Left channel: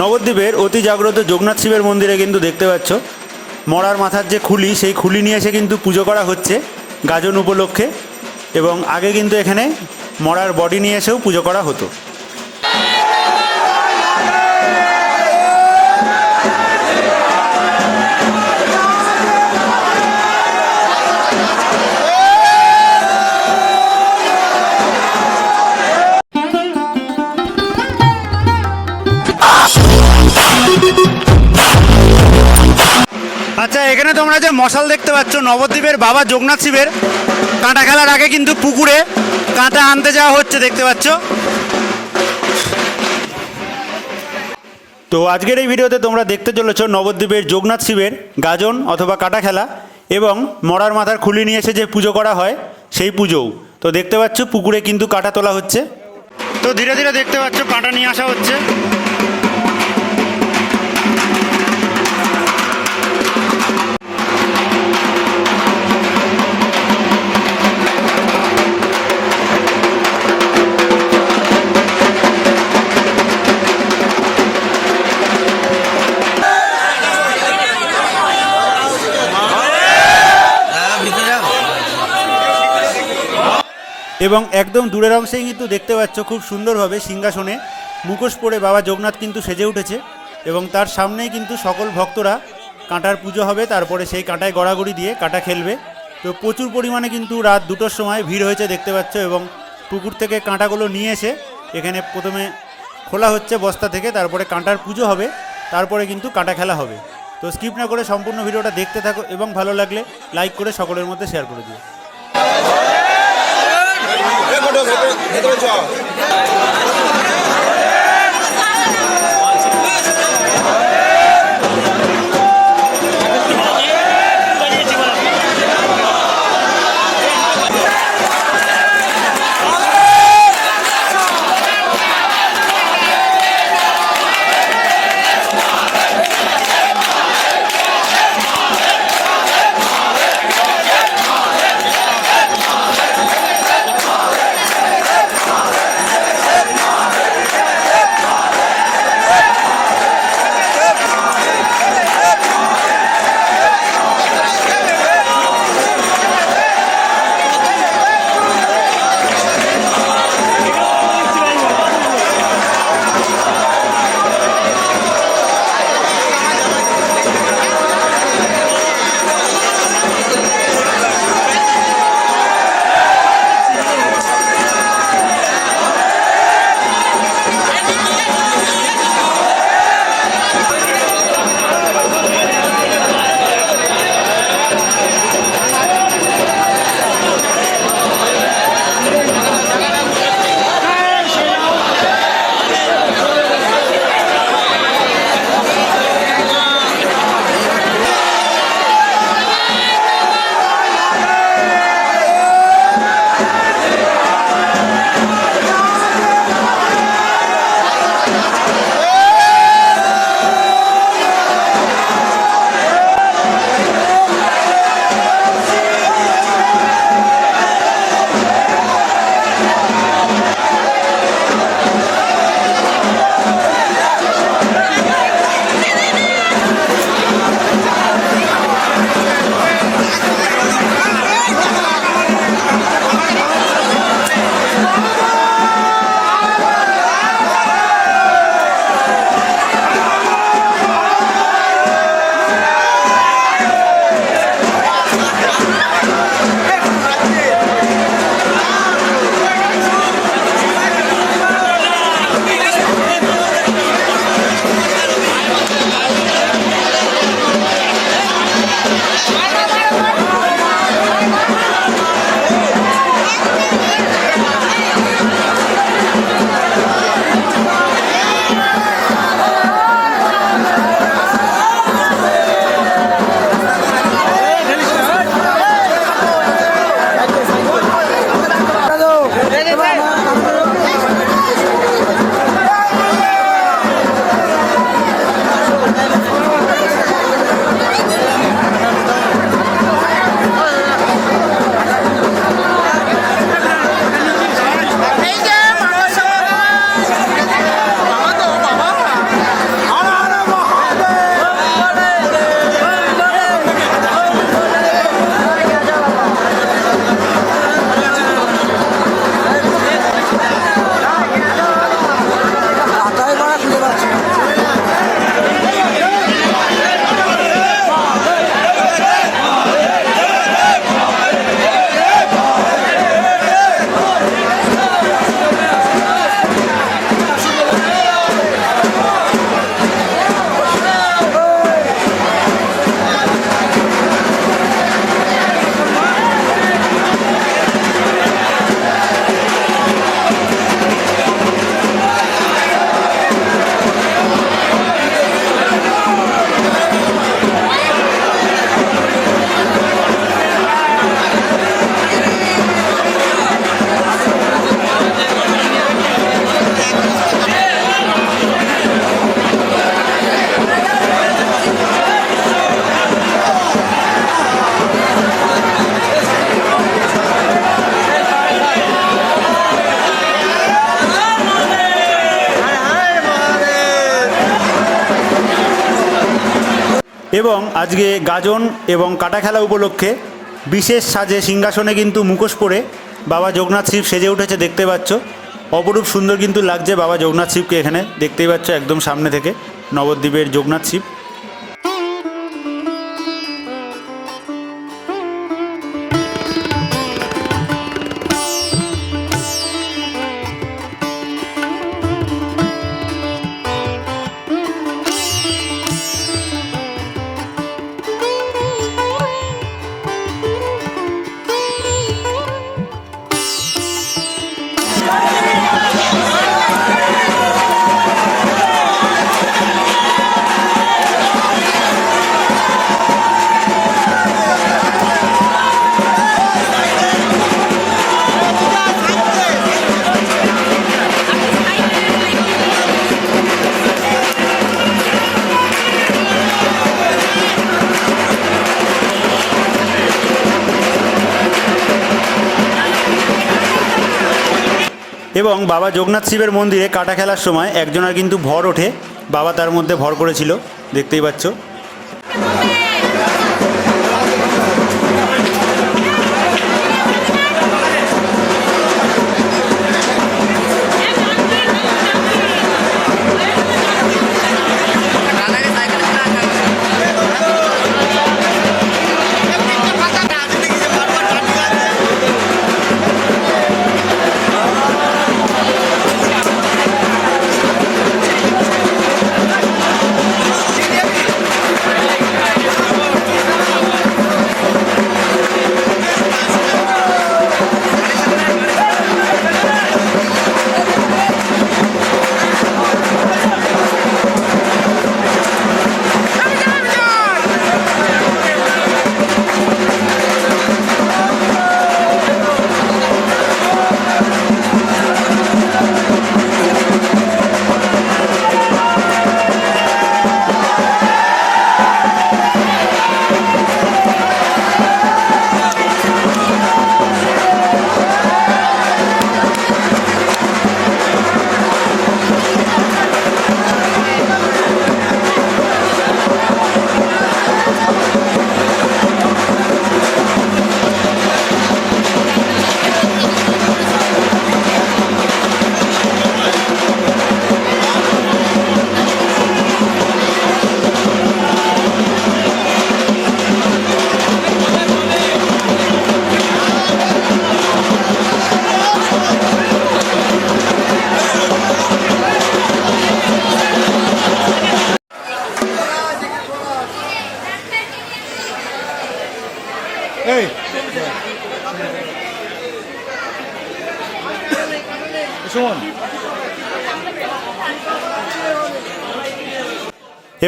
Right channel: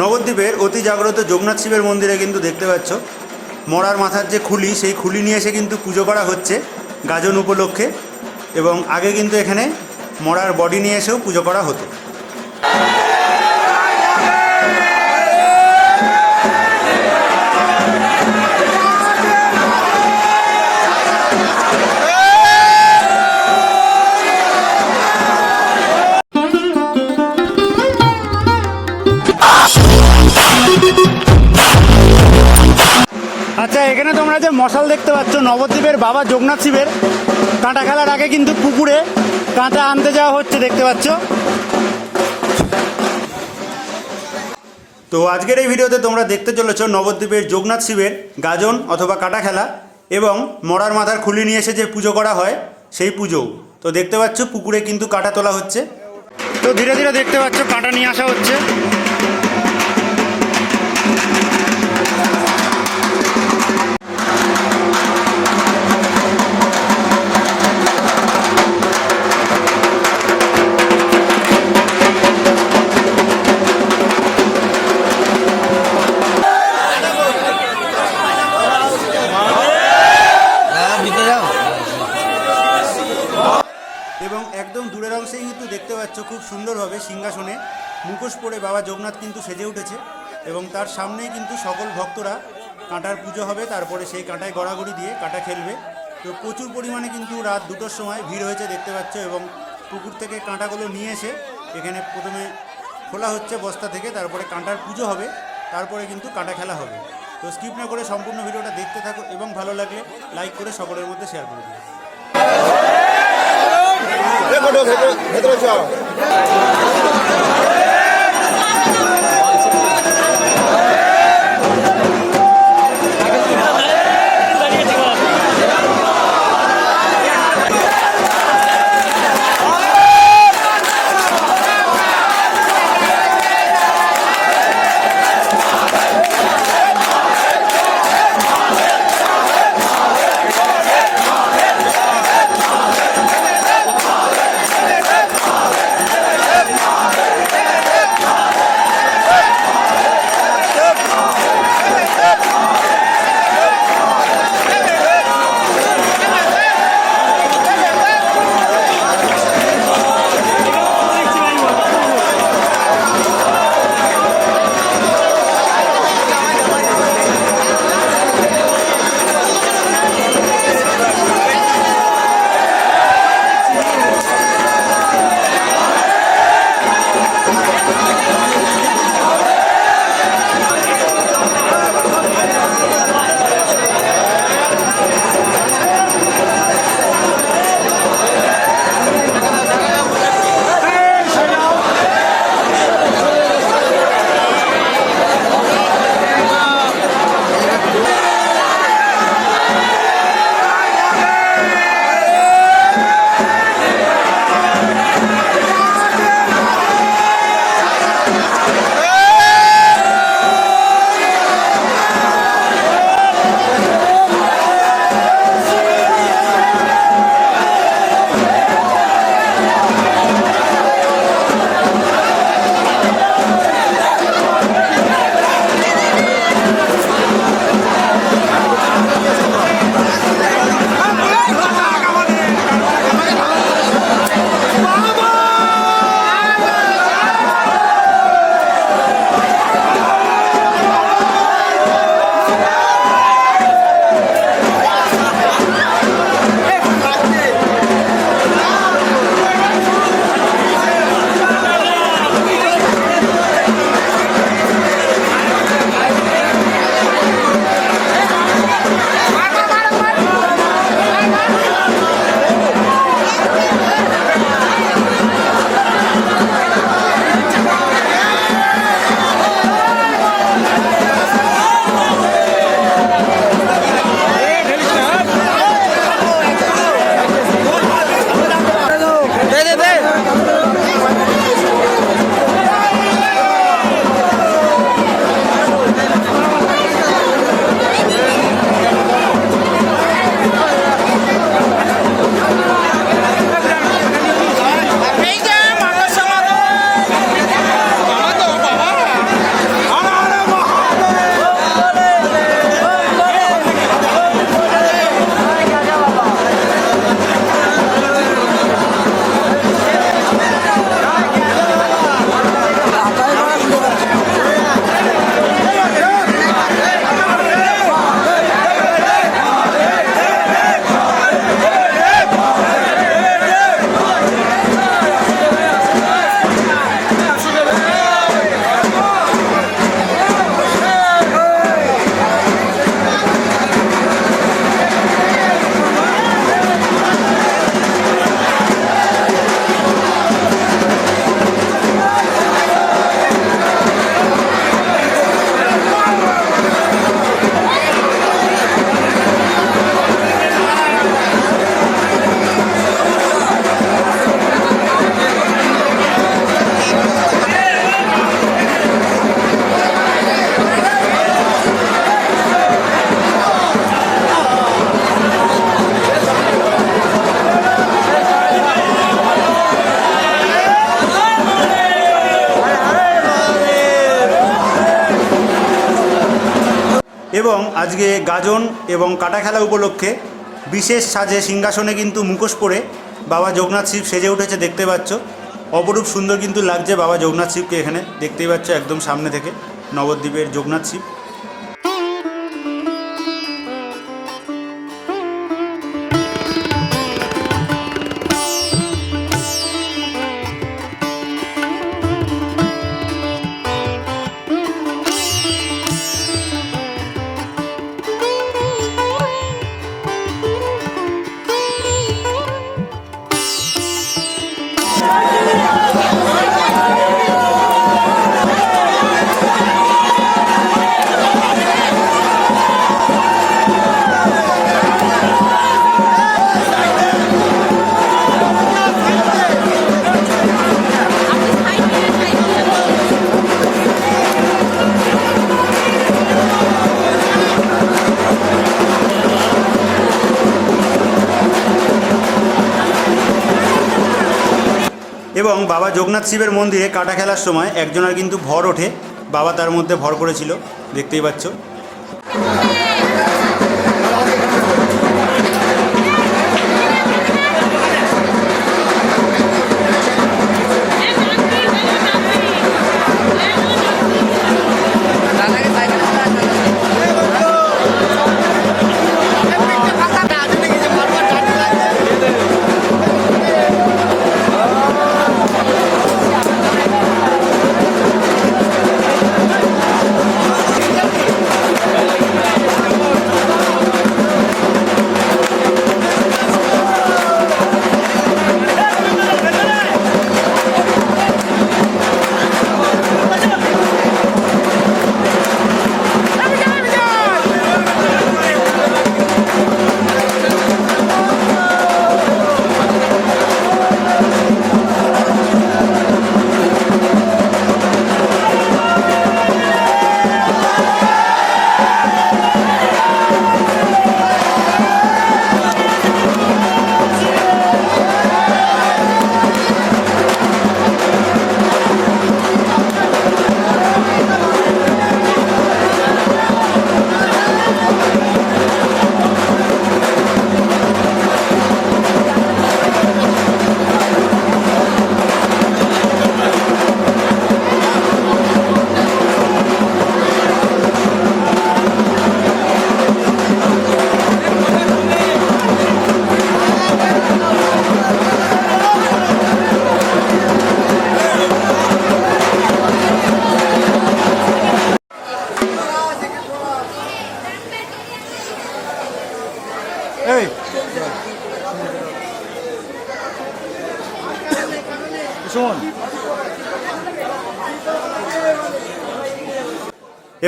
নবদ্বীপের অতি জাগ্রত যোগনাথ শিবের মন্দিরে কিন্তু দেখতে পাচ্ছ, মরার মাথার যে খুলি, সেই খুলি নিয়ে এসে কিন্তু পুজো করা হচ্ছে গাজন উপলক্ষে এবং আগে কিন্তু এখানে মরার বডি নিয়ে এসেও পুজো করা হতো। তোমরা যে মশাল দেখতে পাচ্ছ নবদ্বীপের বাবা যোগনাথ শিবের কাঁটা খেলার আগে কিন্তু পুকুরে কাঁটা আনতে যাওয়া হচ্ছে দেখতে পাচ্ছ। তো আজকের এই ভিডিওতে তোমরা দেখতে চলেছ নবদ্বীপের যোগনাথ শিবের গাজন অথবা কাটা খেলা এবং মরার মাথার খুলি নিয়ে এসে যে পুজো করা হয় সেই পুজোও। তো দেখতে পাচ্ছ পুকুরে কিন্তু কাটা তোলা হচ্ছে। তো ধীরে ধীরে দেখতে পাচ্ছ কাটা নিয়ে আসা হচ্ছে। এবং একদম দূরের অংশেই কিন্তু দেখতে পাচ্ছ খুব সুন্দরভাবে সিংহাসনে মুখোশ পরে বাবা যোগনাথ কিন্তু সেজে উঠেছে এবং তার সামনেই কিন্তু সকল ভক্তরা কাঁটার পুজো হবে, তারপরে সেই কাঁটায় গড়াগড়ি দিয়ে কাঁটা খেলবে। তো প্রচুর পরিমাণে কিন্তু রাত দুটোর সময় ভিড় হয়েছে দেখতে পাচ্ছ এবং পুকুর থেকে কাঁটাগুলো নিয়ে এসে এখানে প্রথমে খোলা হচ্ছে বস্তা থেকে, তারপরে কাঁটার পুজো হবে, তারপরে কিন্তু কাঁটা খেলা হবে। তো স্কিপ না করে সম্পূর্ণ ভিডিওটা দেখতে থাকো এবং ভালো লাগলে লাইক করে সকলের মধ্যে শেয়ার করে দিও। ভেতরে যাও। এবং আজকে গাজন এবং কাটা খেলা উপলক্ষে বিশেষ সাজে সিংহাসনে কিন্তু মুখোশ পরে বাবা যোগনাথ শিব সেজে উঠেছে, দেখতে পাচ্ছ। অপরূপ সুন্দর কিন্তু লাগছে বাবা যোগনাথ শিবকে এখানে, দেখতেই পাচ্ছ একদম সামনে থেকে নবদ্বীপের যোগনাথ শিব। এবং বাবা যোগনাথ শিবের মন্দিরে কাটা খেলার সময় একজনের কিন্তু ভর ওঠে। বাবা তার মধ্যে ভর করেছিল। দেখতেই পাচ্ছ।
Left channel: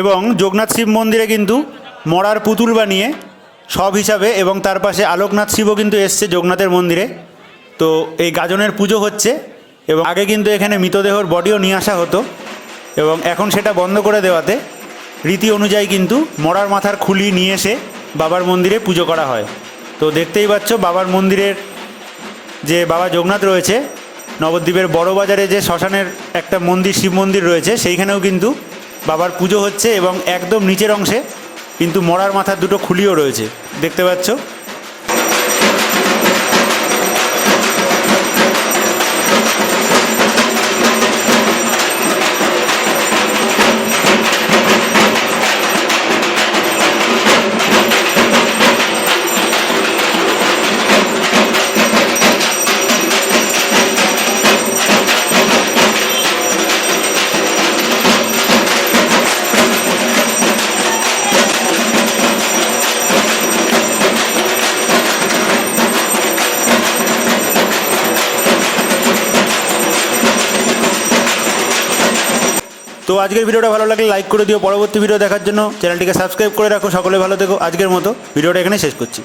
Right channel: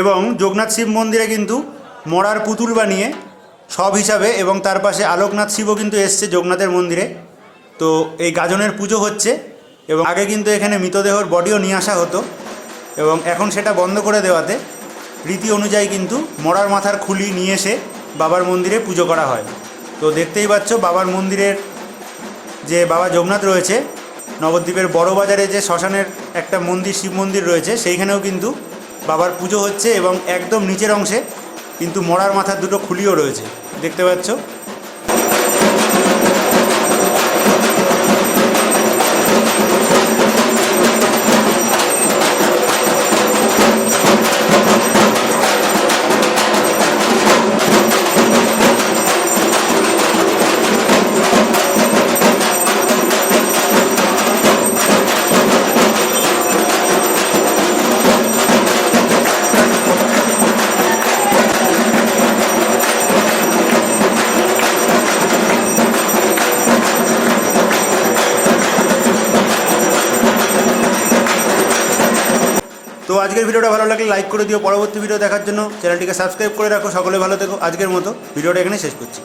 এবং যোগনাথ শিব মন্দিরে কিন্তু মরার পুতুল বানিয়ে সব হিসাবে এবং তার পাশে আলোকনাথ শিবও কিন্তু এসছে যোগনাথের মন্দিরে। তো এই গাজনের পুজো হচ্ছে এবং আগে কিন্তু এখানে মৃতদেহর বডিও নিয়ে আসা হতো এবং এখন সেটা বন্ধ করে দেওয়াতে রীতি অনুযায়ী কিন্তু মরার মাথার খুলি নিয়ে এসে বাবার মন্দিরে পুজো করা হয়। তো দেখতেই পাচ্ছ বাবার মন্দিরের যে বাবা যোগনাথ রয়েছে নবদ্বীপের বড়বাজারে যে শ্মশানের একটা মন্দির, শিব মন্দির রয়েছে, সেইখানেও কিন্তু বাবার পুজো হচ্ছে এবং একদম নিচের অংশে কিন্তু মরার মাথার দুটো খুলিও রয়েছে। দেখতে পাচ্ছ? আজকের ভিডিওটা ভালো লাগলে লাইক করে দিও। পরবর্তী ভিডিও দেখার জন্য চ্যানেলটিকে সাবস্ক্রাইব করে রাখো। সকলে ভালো থেকো। আজকের মতো ভিডিওটা এখানে শেষ করছি।